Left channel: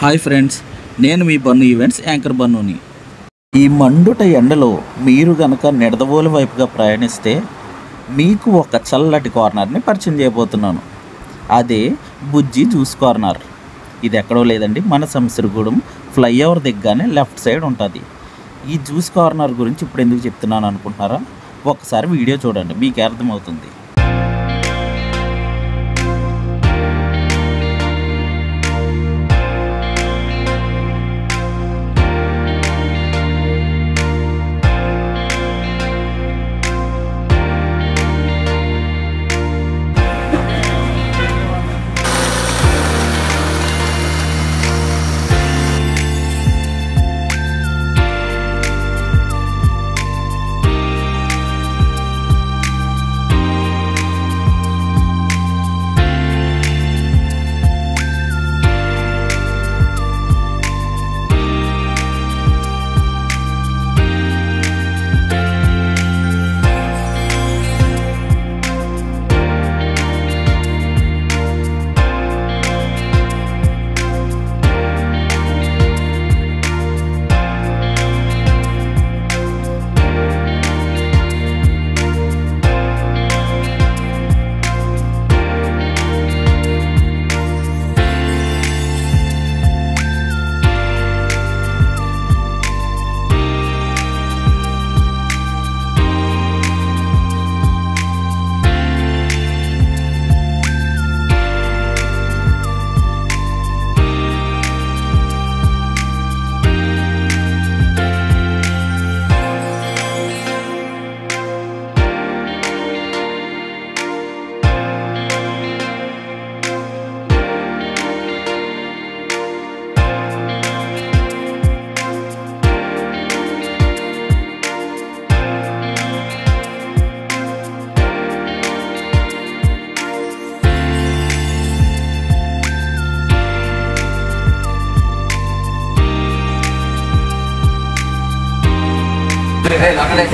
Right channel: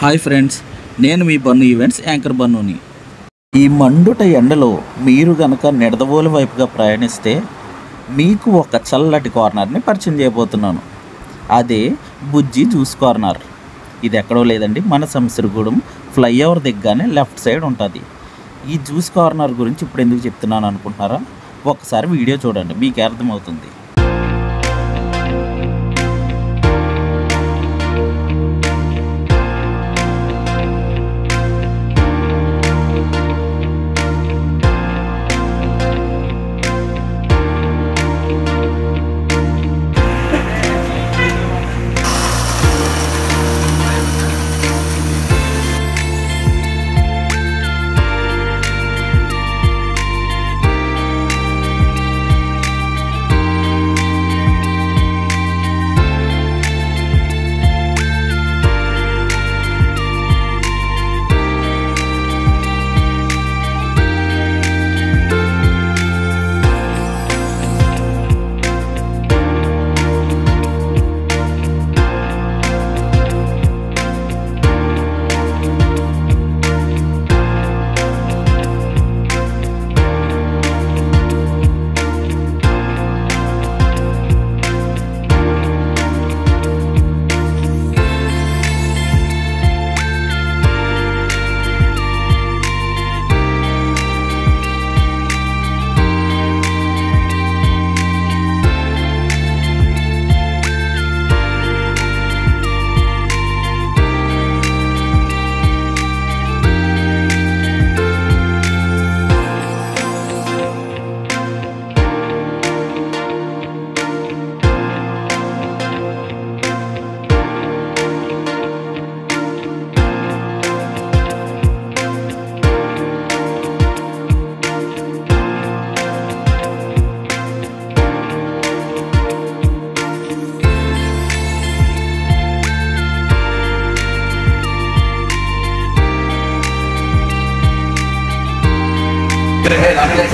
Hi friends, నేను మీ bun events anchor బన్నుని. ఈ మండుట ఎండలో మీరు గనక నిడదవోలు వైపుగా ప్రయాణిస్తే మీకు ఒక చల్లటి కార్నర్ని పరిచయం చేయబోతున్నాను. అదే బుజ్జి జ్యూస్ కార్నర్. ఇది ఎక్కడో లేదండి, మన సంసిరిగూడెం ఫ్లైఓవర్ దగ్గరనే లెఫ్ట్ సైడ్ ఉంటుంది. ఈ జ్యూస్ కార్నర్ గురించి ఇప్పుడు ఎందుకు చెప్తున్నాను అనుకుంటున్నారా? ఒకసారి వీడియో చూడండి, మీకు అర్థమవుతుంది.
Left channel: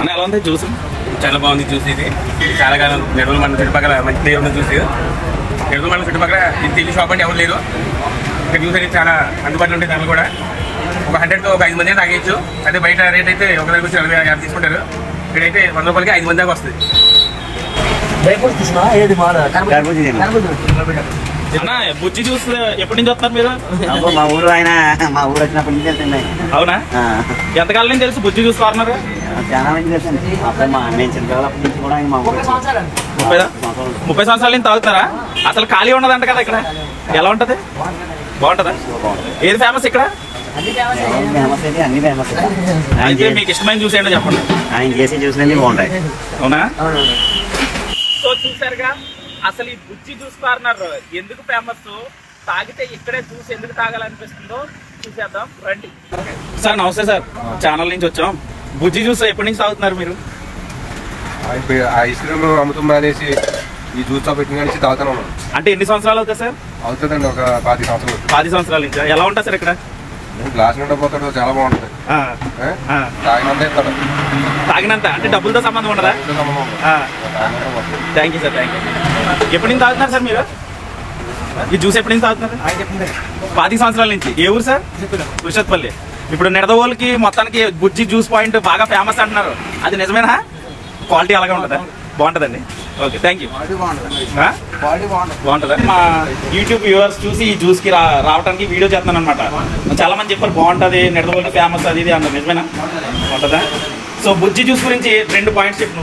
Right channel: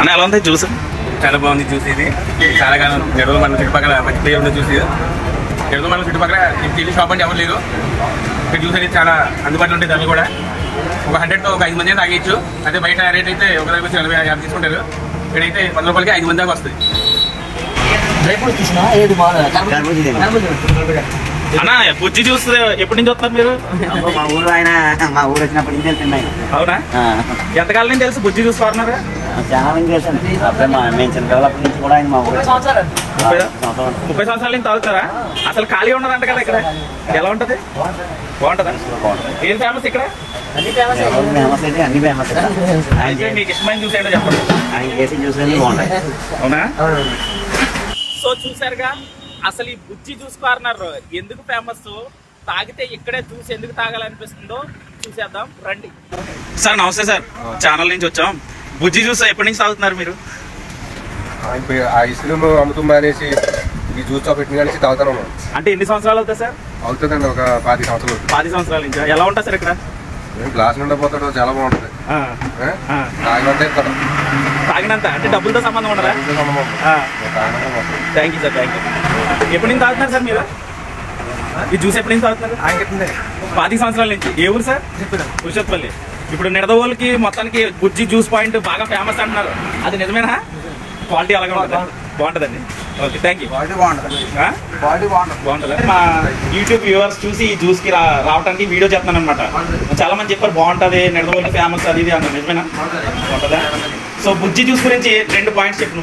అన్న ఎలా ఉంది జ్యూస్? చాలా బాగుంది జ్యూస్. ఇది చాలా కాలం నెలలో మన చుట్టుపక్కల మంచి ప్లేయర్ ఉంది జ్యూస్. నెలలో మన చుట్టుపక్కల టీవీ షాప్ అంటే ఎవరు లేరు. ఇక్కడ జ్యూస్ అనేది చాలా అందుబాటులో ఉంటాయి. ధరలు కూడా ఒక 100తో ఒక 5 మంది తాగేయచ్చు. అదే బయట రేట్ అయితే ఒక దగ్గర 40-50 తీసుకుంటారు. ఇక్కడైతే 100 రూపాయలకి 5 మంది దాకా వస్తుంది. అన్న బుజ్జి జ్యూస్ ఎప్పటి నుంచి వస్తున్నారు మీరు? మా ఊరు వచ్చినప్పటి నుంచి. అవునా? ఎంతకాలం నుంచి తెలుసు బుజ్జి జ్యూస్ కార్నర్? చాలా మంది తెలుసు. మేము చిన్నపిల్లప్పటి నుంచి కూడా ఆయన మా ఊరు 30 సంవత్సరాల నుంచి తాగుతారా? అసలు ఖాళీ ఉండదంట కదా ఇక్కడ. ఎలా ఉంటది? బాగుంటదా? ఏది ఫేమస్ ఇక్కడ? ఫేమస్ అయితే అన్ని ఫేమస్. అయితే మీకు ఇష్టమైన జ్యూస్ ఏంటో చెప్పండి. ఆయన చేసి జ్యూస్ అన్ని బాగుంటాయి. అవునా? సో చూసారుగా, అసలు ఈ బుజ్జి జ్యూస్ కార్నర్ ఎందుకు ఫేమస్, తాగితే ఇక్కడే జ్యూస్ ఎందుకు తాగాలనిపిస్తుందో చూసేద్దాం రండి. సార్ నమస్తే సార్, ఛానల్ నుంచి వచ్చాం. బుజ్జి జ్యూస్ ఎప్పటి నుంచి తాగుతున్నారు మీరు? ఐస్ క్రీమ్ అమ్ముతున్నా అనేసి ఈ జ్యూస్ లో పెట్టిన నుంచి తాగుతాను. అంటే ఎన్ని సంవత్సరాలు అవుతుంది సార్? అవుతుందండి, ఒక 10 సంవత్సరాలు. 10 సంవత్సరాల నుంచి. ఎలా ఉంటుంది సార్ ఇక్కడ? గ్లాస్ నుండి పోతాడు, చాలా బాగుంటుంది. తాగినంత అంటే డబ్బులతో సంబంధం ఉండదా? Thank you sir, thank you. ఎప్పటి నుంచి తాగుతున్నారు సార్ మీరు ఈ జ్యూస్? ఎప్పటి నుంచి తాగుతున్నారు? 10 సంవత్సరాల నుంచి. ఏ ఊరు సార్? కుషత్పల్లి. ఇప్పుడు నిడదవోలుకి మొత్తానికి బుజ్జి జ్యూస్ పాయింట్ బాగా ఫేమస్ అంటున్నారు, అది నిజమేనా? క్వాలిటీ అలాగే ఉంటుందా? బాగుంటుందండి. Okay, thank you. బాగుంటుందా? మా యూట్యూబ్ వ్యూవర్స్ చూసి ఈ జ్యూస్ కి రావడానికి వీడియో చేస్తాను అనమాట. చాలా మంది చెప్పారు బాగుంటుంది, నిడదవోలు ఫేమస్ అది ఇది అన్నారు. నిజమేనా? బాగుంటుందా? సో బుజ్జి జ్యూస్ గురించి 2 పాయింట్స్ చెప్పు.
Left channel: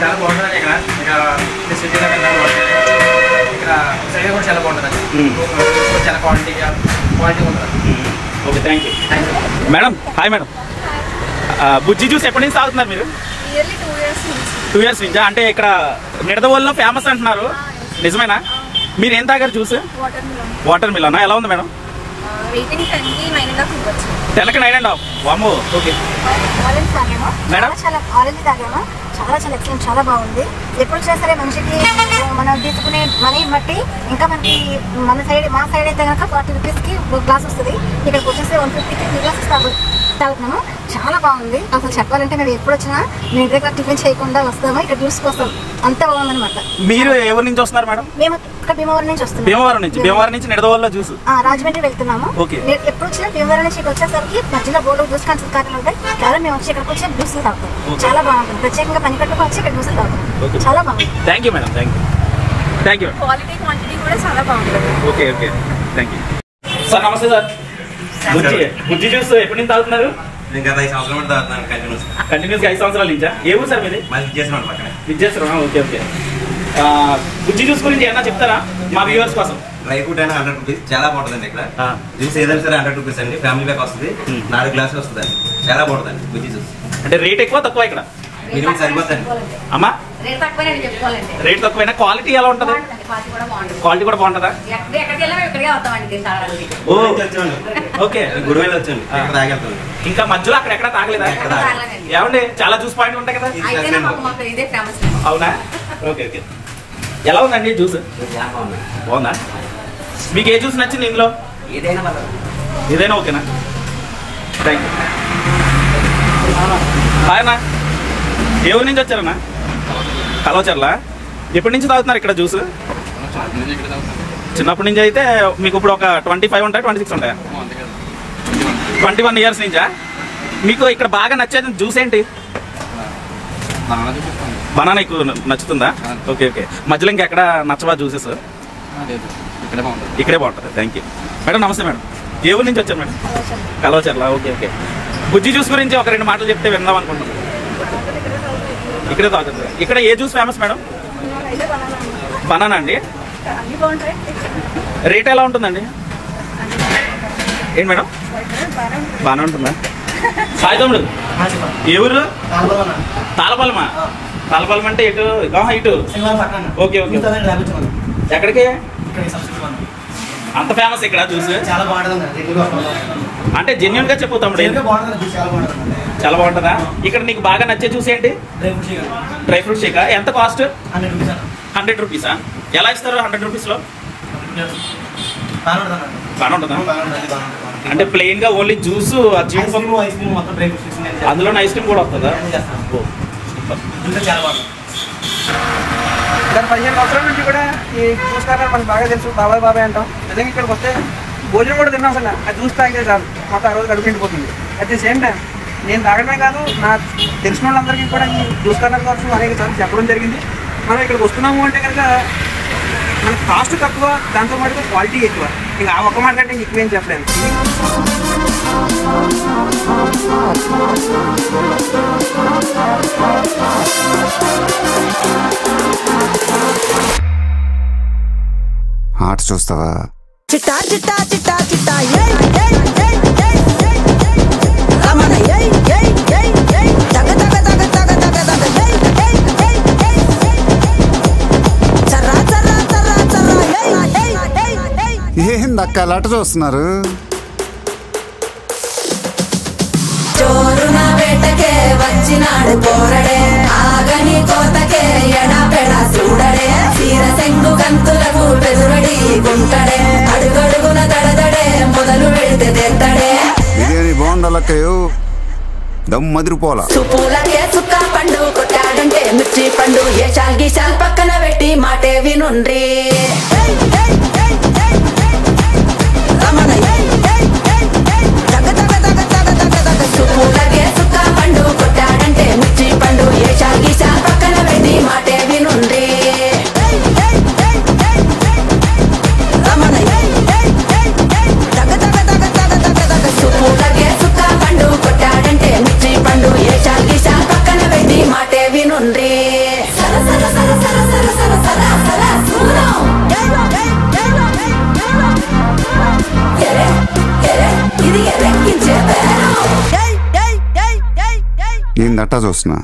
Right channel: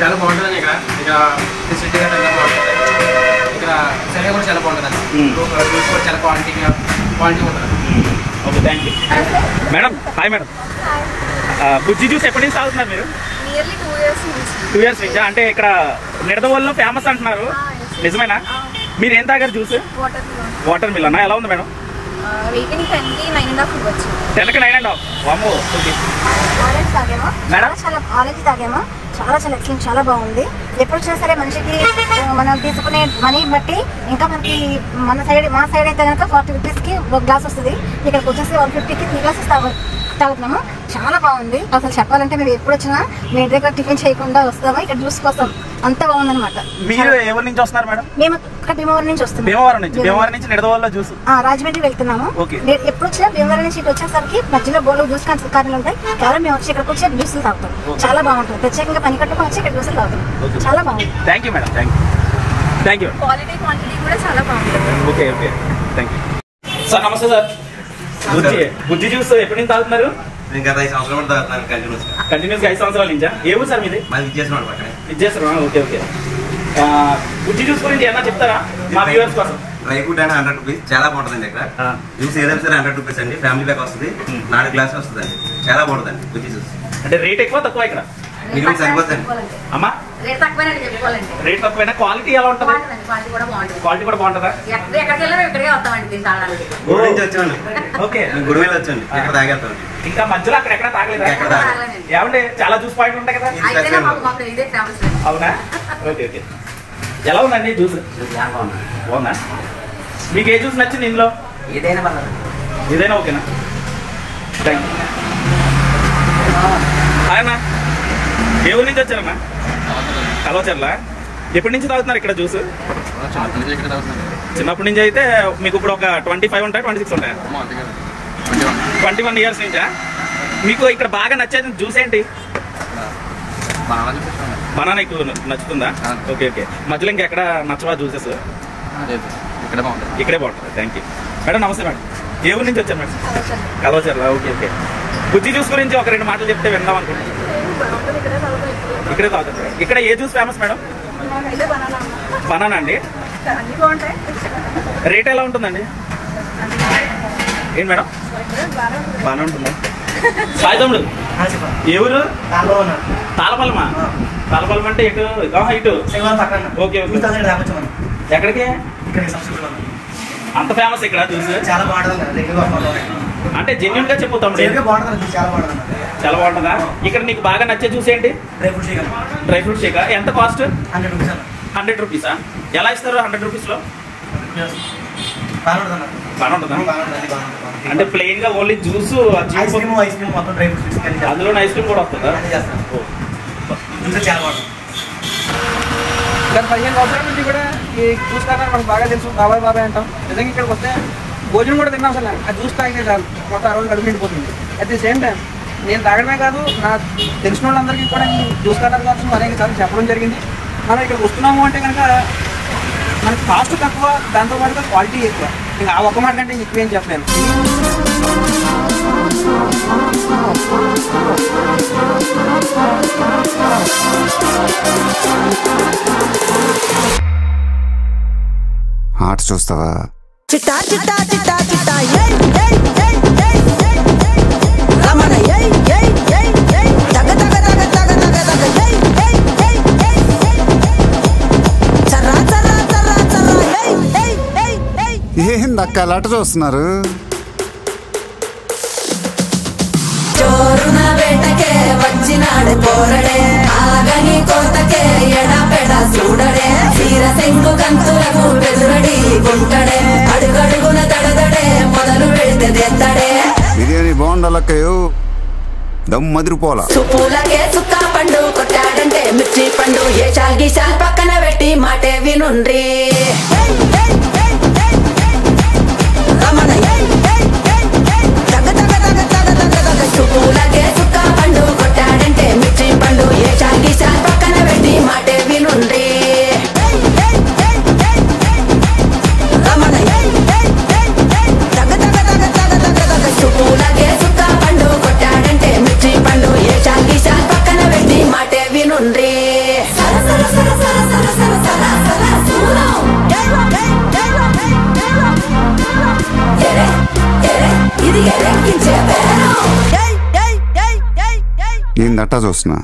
చాలా బాగుంటుంది. ఇక్కడ సైడ్ కూడా చాలా బాగుంటుంది. చాలా క్వాలిటీ ఉంటుంది. Okay, thank you. Madam hi madam, Bujji juice ఎప్పటి నుంచి తాగుతున్నారు మీరు? 2 years నుంచి. అంటే ఇక్కడ నిడదవోలులో ఫేమస్ అంటున్నారు, నిజమేనా? మీరు ఏం తాగారు జ్యూస్? Water melon. ఎలా ఉంది మేడం? 10కి 9.5. వామ్మో. Okay madam. చాలా ఎక్సలెంట్, చాలా బాగుంది. ఎప్పుడు వచ్చినా సరే మనిషికి మనం తీసుకునే మనీ బట్టి ఇంకా మనకి మా సైడ్ అయితే కనుక 40 రూపీస్కి ఒక గ్లాస్ వస్తుంది. ఇక్కడికి వచ్చేసి 150కి 3 గ్లాసెస్ తాగొచ్చు. తాగుతున్నాము. చాలా బాగుంది. అసలు చెప్పాలంటే మేము ఎప్పుడు వచ్చినా మీ ఇంటి దగ్గర టిఫిన్ చేయకుండా వస్తాము, ఇక్కడ జ్యూస్ కోసం. అంత బాగుందన్నమాట. మీరు ఎవరి నుంచి వస్తున్నారు మేడం? మేము ఇక్కడ భీమవరం నుంచి వస్తున్నాం. భీమవరం నుంచి నిడదవోలులో జ్యూస్. రాజమండ్రి వెళ్తున్నాము. ఎప్పుడు వచ్చినా భీమవరం నుంచి వచ్చేసరికి మధ్యలో బోర్డు జ్యూస్ కారణాలు ఉంటాయి. కేవలం మేము వచ్చి ఇక్కడికి వచ్చి జ్యూస్ తాగుతాం. చాలా బాగుంటుంది. ప్రత్యేకంగా పని కట్టుకొని వచ్చి ఇక్కడ జ్యూస్ తాగుతాం. చాలా బాగుంది. Thank you madam. Thank you. Quality quantity కూడా చాలా బాగుంటుంది. Okay thank you sir. నమస్తే సార్. బుజ్జి జ్యూస్ ఎప్పటి నుంచి తాగుతున్నారు? గత 5 సంవత్సరాలు తాగుతాను కంటిన్యూస్గా 5 సంవత్సరాల నుంచా? ఏ ఊరు సార్ మీది? విద్యాశ్వరం. ఓకే బుజ్జి జ్యూస్ గురించి ఏమన్నా చెప్తారా మా వ్యూవర్స్ కోసం? డ్రై ఫ్రూట్ అయినా 100 రూపీస్, చాలా బాగుంటుందండి. ఇక్కడ జ్యూస్ ఏదైనా సరే 100 రూపీస్ అండి. ఫ్యామిలీ ప్యాక్ వస్తుంది, 4 గ్లాసులు వస్తుందండి. చాలా బాగుంటుందండి బుజ్జి జ్యూస్. అంటే రేట్ ఎక్కువ తక్కువ ఇక్కడ? మినిమం సరిపోతుంది అమ్మా. రేట్ తక్కువైనా క్వాలిటీ ఎలా ఉంటుంది? క్వాలిటీ కూడా బాగుంటుందా? ఓకే గుడివేలు వచ్చండి, ఇక్కడ తాగేస్తాం. ఇంకా మధ్యలో అక్కడ తాగలేదా? ఏమండి చాలా జ్యూస్ పాయింట్ ఉంటాయి కదా? అవునా? ఓకే ఎలా ఉందండి జ్యూస్? బాగుందా? మీకు ఏ జ్యూస్ నచ్చింది ఇందులో? ఏదైనా ఓకేనా? Thank you. ఆయన ఏ ఊరి నుంచి వచ్చారన్నా? కలవచర్ల. ఎప్పటి నుంచి తాగుతున్నారు ఇక్కడ జ్యూస్? చిన్నప్పటి నుంచి. అయితే మీకు ఇప్పుడు ఒక 25 ఉంటాయి, 26 ఉంటాయా? 21 ఇయర్స్ నుంచా? మీకు ఇక్కడ బాగా నచ్చేది జ్యూస్ ఏంటి? బనానా ఎక్కువ నచ్చుతుందా? ఓకే మధ్యలో ఇంకెక్కడ నచ్చవా జ్యూసెస్? ఇక్కడే బాగుంటుంది. Thank you madam. నమస్తే మేడం. ఏ ఊరి నుంచి వచ్చారు మేడం? కలవచర్ల. ఓకే బుజ్జి జ్యూస్ గురించి ఒక 2 మాటలు చెప్తే విందాం అనుకుంటున్నాను. ఇక్కడే తాగుతుంది. ఇక్కడ ఏ జ్యూస్ ఫేమస్ మేడం? బనానా అండి. రేట్ ఎలా ఉంటుందండి? ఏంటి మేడం? బాగానే ఉంటుందా? సాయి తమ్ముడు ఏ ఊరు? తాళపల్మా. తాళపల్మ అంటే ఇటు ఇటు. ఓకే ఎక్కడికి? అంత ఫేమస్ ఇక్కడ జ్యూస్? చాలా బాగుంటుంది. అంటే జెన్యున్ గా చెప్పు తమ్ముడు. చాలా బాగుంటుందా? ఇక్కడ నీకు బాగా నచ్చే జ్యూస్ ఏంటి? Dry fruit shake. ఎంత కాస్ట్? 100 రూపీసా? ఎలా ఇస్తారు 100 రూపీస్లో? బాగా ఉంటుందా? అంటే ప్లెయిన్ గా ఓన్లీ జ్యూస్, అందులో ఐస్ క్రీమ్ కూడా వస్తుందా? గత 15 సంవత్సరాల నుంచి కూడా ఈ జ్యూస్ కార్నర్ మనకు బాగా తెలుసు. బాబాయ్ అంటాం. నిజంగా ఇక్కడికి వస్తే భోజనం కూడా తిన్నాం సార్. ఆ జ్యూస్ తాగితే చాలు, మొత్తం ఆ రోజు గడుపు నిండిపోతుంది. అట్ ది సేమ్ టైం నేను తాగడమే కాదు, నా తెలిసిన వాళ్ళందరికీ కూడా ఈ జ్యూస్ కార్నర్ కోసం అనేక సార్లు చెప్పడం జరిగింది. మనం ఇక్కడికి వస్తున్నాము అంటే కనుక మనకి కాస్ట్ తక్కువ, దాంతో పాటు క్వాలిటీ ఎక్కువ. ఇంకా ఆ ఒక్క మాట అంటే ఎక్కువేం చెప్పలేను. ఆట చూస్తావా? చిట్టా చిట్టా చిట్టా చిట్టా ఏయ్ ఏయ్ ఏయ్ ఏయ్ ఏయ్ రమణ ఏయ్ ఏయ్ ఏయ్ ఏయ్ తగ తగ తగ తగ తగ తగ ఏయ్ ఏయ్ ఏయ్ ఏయ్ ఏయ్ చర్రా చర్రా చర్రా చర్రా ఏయ్ ఏయ్ ఏయ్ ఏయ్ ఏందక్క అలా చూస్తున్నారు? జోరున వేటకే వచ్చినాడు పోరడే, ఆగని కోతకే ఎడపెడ చూడడే, తీర సెంగు కంతులకు వెదురడి గుంటడే, అడుగడుగున తడదడే మొదలు వెళ్తే తెత్తడే. బిర్యానీ బాగుండాలక్కయ్యో, దమ్ మదిరిపోలా. సుపూలకే సుక్క పండు కొట్టాడంటే మిర్చి పండు, ఏ చాల్ గీసాల్ పక్కన పెట్టి మాటే వినుండ్రి. రమణ తగ తగ తగ తగ తగ తగ సుపూలకే సుక్క పండు కొట్టాడంటే మిర్చి పండు, ఏ చాల్ గీసాల్ పక్కన పెట్టి మాటే వినుండ్రి. రమణ తగ తగ తగ తగ తగ తగ సుపూలకే సుక్క పండు కొట్టాడంటే మిర్చి పండు, ఏ చాల్ గీసాల్ పక్కన పెట్టి మాటే వినుండ్రి. ఏందట్టా చూస్తున్నా?